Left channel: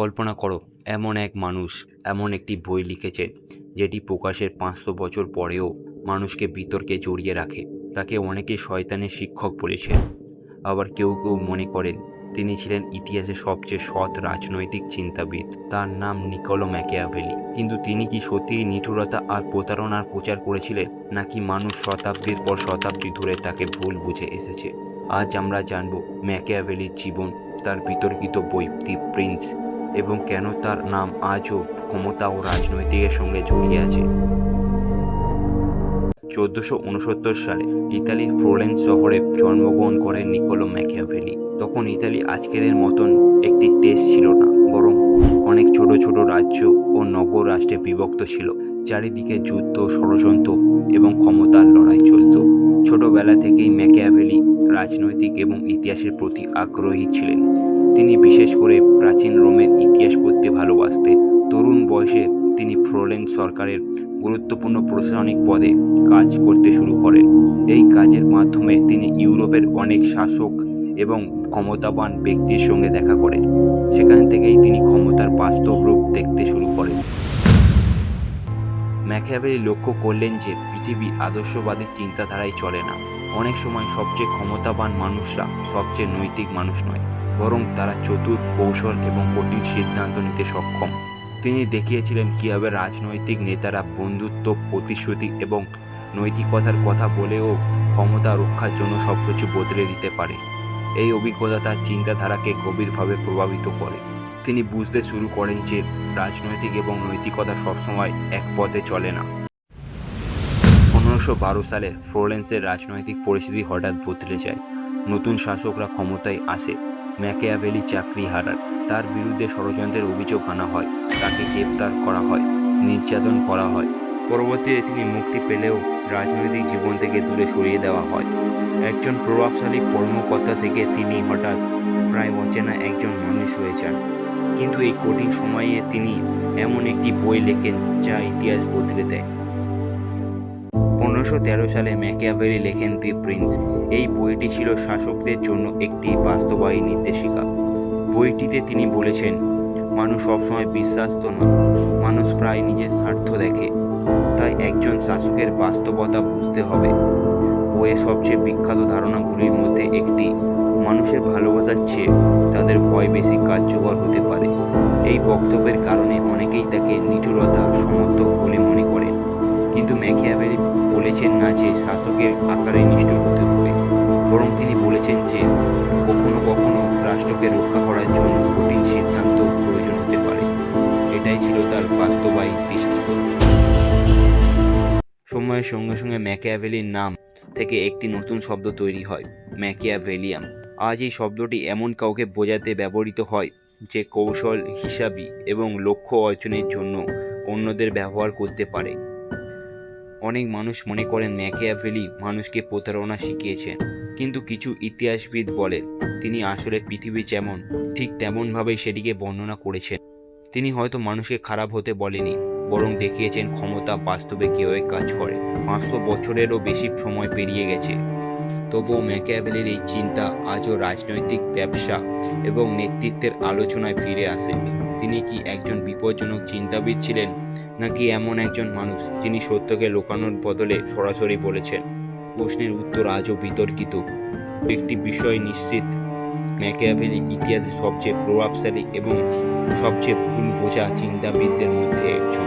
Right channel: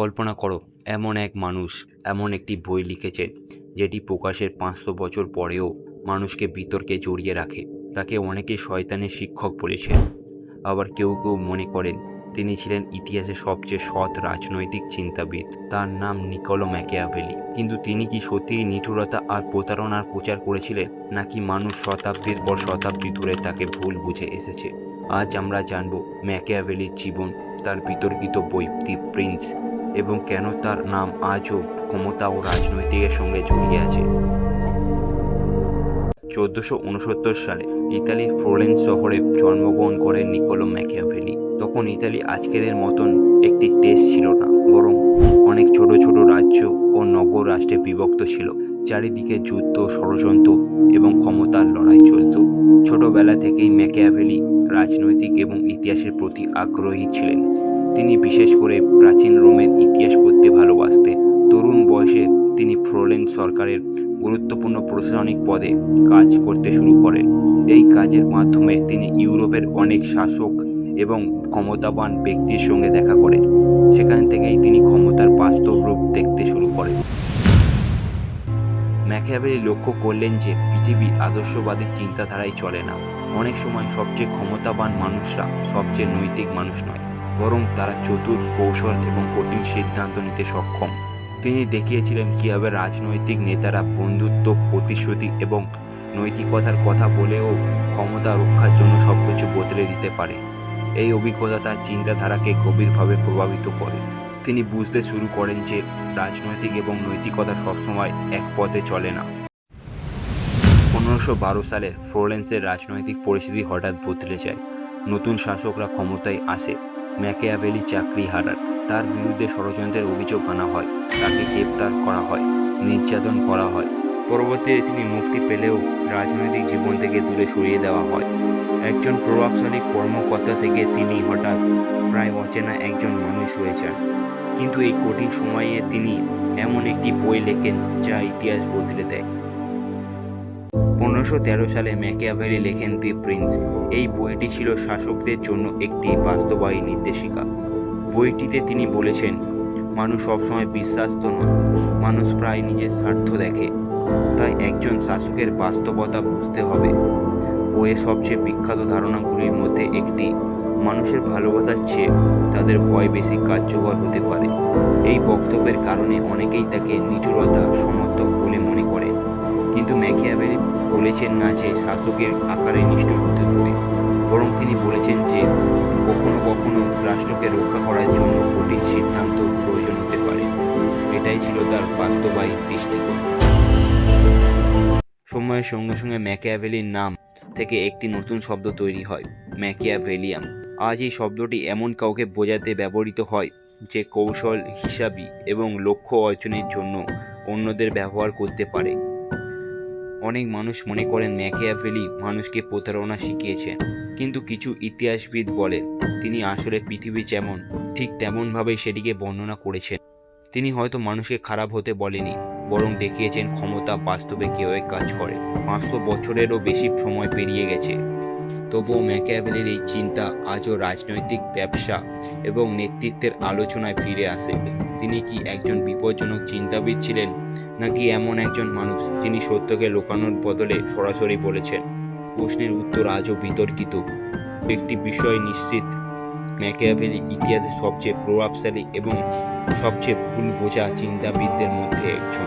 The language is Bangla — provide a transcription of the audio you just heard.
কল্পনা করো, এমন এক মানুষ এমন একটি বই লিখেছেন যেটি প্রকাশের 500 বছর পরেও মানুষকে বিতর্কে জড়িয়ে রাখে। তাকে অনেকে শয়তানের শিক্ষক বলেছেন, আবার কেউ কেউ মনে করেন তিনি ছিলেন ইতিহাসের সবচেয়ে সৎ রাজনৈতিক চিন্তাবিদ। তার নাম নিকোলো ম্যাকিয়াভেলি। কিন্তু তিনি কি সত্যিই নিষ্ঠুরতা আর প্রতারণার প্রচার করেছিলেন, নাকি মানুষ শতাব্দীর পর শতাব্দী ধরে তাকে ভুল বুঝে এসেছে? আজ আমরা জানব ম্যাকিয়াভেলির জীবন, তার বিতর্কিত বই দি প্রিন্স, এবং কেন তার নাম আজও ক্ষমতা ও রাজনৈতিকের সঙ্গে জড়িয়ে আছে। 1469 সালে ইতালির ফ্লোরেন্স শহরে জন্মগ্রহণ করেন নিকোলো ম্যাকিয়াভেলি। তখন ইতালি আজকের মতন একটি দেশ ছিল না, বরং অনেক ছোট ছোট রাজ্য ও নগর রাষ্ট্রে বিভক্ত ছিল। চারিদিকে যুদ্ধ, ষড়যন্ত্র এবং ক্ষমতার লড়াই চলত। ছোটবেলা থেকেই ম্যাকিয়াভেলি রাজনৈতিক এবং ইতিহাসের প্রতি আগ্রহী ছিলেন। তিনি বিশেষ করে প্রাচীন রোমের ইতিহাস পড়তে ভালোবাসতেন। তরুণ বয়সে তিনি ফ্লোরেন্স সরকারের গুরুত্বপূর্ণ প্রশাসনিক পদে কাজ করতে শুরু করেন। এই কাজের মাধ্যমে তিনি ইউরোপের অনেক শাসক এবং ক্ষমতাবান ব্যক্তির সঙ্গে দেখা করেন। সেখান থেকেই তিনি ক্ষমতার বাস্তব রূপ দেখতে শুরু করেন। ম্যাকিয়াভেলি লক্ষ্য করলেন যে পৃথিবী আদর্শবাদী চিন্তাধারায় চলে না। অনেক সময় সবচেয়ে ক্ষমতাবান মানুষরা সবচেয়ে নৈতিক মানুষ নয়, বরং তারা চতুর, কৌশল এবং কঠিন সিদ্ধান্ত নিতে সক্ষম। তিনি দেখিয়েছিলেন কীভাবে রাজনৈতিক নেতারা বন্ধুত্ব, প্রতিশ্রুতি এবং নৈতিকতার কথা বলেও ক্ষমতা রক্ষার জন্য সবকিছু বদলে দিতে পারে। এই অভিজ্ঞতা তার চিন্তাধারাকে গভীরভাবে প্রভাবিত করে। তিনি বুঝতে শুরু করেন যে রাজনৈতিক এবং নৈতিকতা সবসময় এক পথে চলে না। 1512 সালে ফ্লোরেন্সের রাজনৈতিক পরিস্থিতি হঠাৎ বদলে যায়। নতুন শাসকরা ক্ষমতায় আসে। ম্যাকিয়াভেলি চাকরি হারান। তার বিরুদ্ধে ষড়যন্ত্রের অভিযোগ আনা হয়। তাকে গ্রেপ্তার করা হয়, নির্যাতন করা হয়। পরবর্তীতে তিনি মুক্তি পেলেও রাজনৈতিক জীবন থেকে দূরে সরিয়ে দেওয়া হয়। একজন প্রভাবশালী কর্মকর্তা থেকে তিনি হঠাৎ প্রায় অচেনা একজন মানুষ হয়ে যান। কিন্তু এই কঠিন সময়ে তিনি এমন একটি বই লেখেন যা ইতিহাস বদলে দেয়। 1513 সালে ম্যাকিয়াভেলি লেখেন দি প্রিন্স। এই বইটি ছিল শাসকদের জন্য একটি বাস্তবায়ী নির্দেশিকা। বইটিতে তিনি বলেছেন, মানুষ সবসময় বিশ্বাস্ত নয়, মানুষ প্রায় নিজের স্বার্থ দেখে। তাই একজন শাসকের বাস্তবতা বুঝতে হবে। বইয়ের সবচেয়ে বিখ্যাত ধারণাগুলির মধ্যে একটি, মানুষের ভালোবাসার চেয়ে তাদের ভয় বেশি কার্যকর হতে পারে। এই বক্তব্যের কারণে অনেকেই তাকে নিষ্ঠুরতা সমর্থক বলে মনে করেন। কিন্তু ম্যাকিয়াভেলি বলেছেন না যে শাসকের আকারে নিষ্ঠুর হতে হবে, বরং তিনি বলেছেন যে কখনো কখনো রাষ্ট্রকে রক্ষা করার জন্য কঠিন সিদ্ধান্ত প্রয়োজন হতে পারে। এটাই ছিল তার বাস্তবায়ী দৃষ্টিকোণ। সময়ের সঙ্গে সঙ্গে ম্যাকিয়াভেলির নাম থেকে একটি নতুন শব্দ তৈরি হয়, ম্যাকিয়াভেলিয়াম। আজ এই শব্দটি এমন কাউকে বোঝাতে ব্যবহৃত হয় যে কৌশল, হিসাবি এবং লক্ষ্য অর্জনের জন্য অন্যদের ব্যবহার করতে পারে। অনেক মানুষ মনে করেন ম্যাকিয়াভেলি মানুষকে প্রতারণা শিখিয়েছেন, কিন্তু কিছু ইতিহাসবিদ বলেন তিনি আসলে পৃথিবী যেমন ঠিক তেমনভাবেই সেটিকে বর্ণনা করেছেন। তিনি হয়তো মানুষকে খারাপ হতে বলেনি, বরং দেখিয়েছেন ক্ষমতা বাস্তবে কীভাবে কাজ করে। 500 বছরেরও বেশি সময় পেরিয়ে গেছে, তবুও ম্যাকিয়াভেলির এই চিন্তা আজও রাজনৈতিক, ব্যবসা এবং নেতৃত্বের আলোচনায় ফিরে আসে। তিনি কি একজন বিপজ্জনক চিন্তাবিদ ছিলেন, নাকি এমন একজন মানুষ যিনি সত্যকে লুকানোর বদলে সরাসরি বলেছেন? প্রশ্নের উত্তর আজও বিতর্কিত। একটি বিষয় নিশ্চিত, ম্যাকিয়াভেলি ইতিহাসের সবচেয়ে প্রভাবশালী এবং সবচেয়ে ভুল বোঝা চিন্তাবিদদের মধ্যে একজন।